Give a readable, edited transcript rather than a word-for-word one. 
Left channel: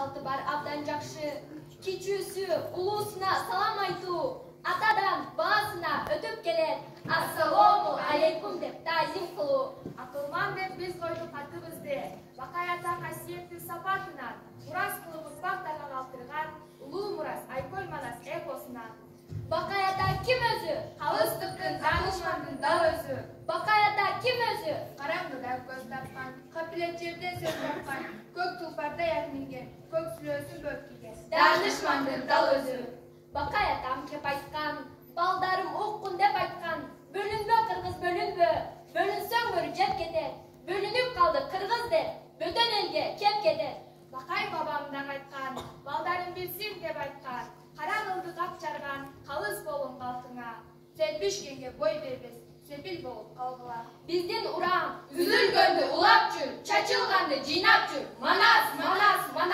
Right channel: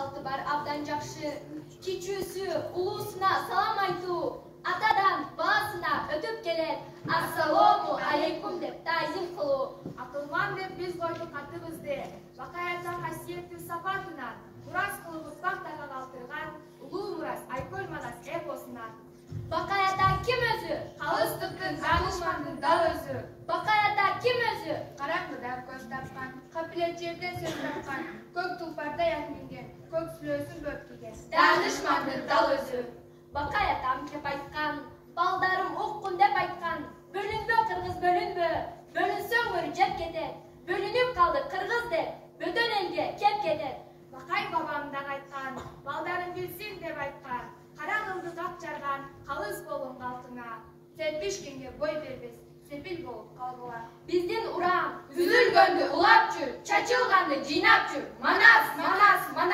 çaltı бар abdan жақшы. Кичүүсү улуусуна салам айтуу, атадан баасына өтүп келет. Ассалому алейкум деп тазим кылуу. Акылман деп биз койдук атыбызды. Бакаята касиеттүү сапатынан мурас кылып ұрпактарга калтырган улуу мурас Айкөл Манас эпосунан. Бакаята ким өзү? Калыстыктын данышмандын дал өзү. Бакаята ким өзү? Караңгыда көз тапкан, капилет жерде сөз тапкан, көк тулпарда ят минген, көк сүлөөсүн бөт кийген. Данышмандын дал өзү. Бакаятам кеп айткан, балдарым уккун деп айткан. Бөлүнбө кыргыз бөлүнбө, бөлүнсөң өрү жеп кетет. Бөлүнүп калды кыргыз деп, бөтөн элге кеп кетет. Бакай бабамдан айткан, балдарым билсин деп айткан. Кара кылды капчарган, калыс болуң калкыңа. Серпишкенге бой бербес, сепил болуп калгыла. Биздин урам Үзүлгөндү улап жүр, чачылганды жыйнап жүр. Манас, манас, манас.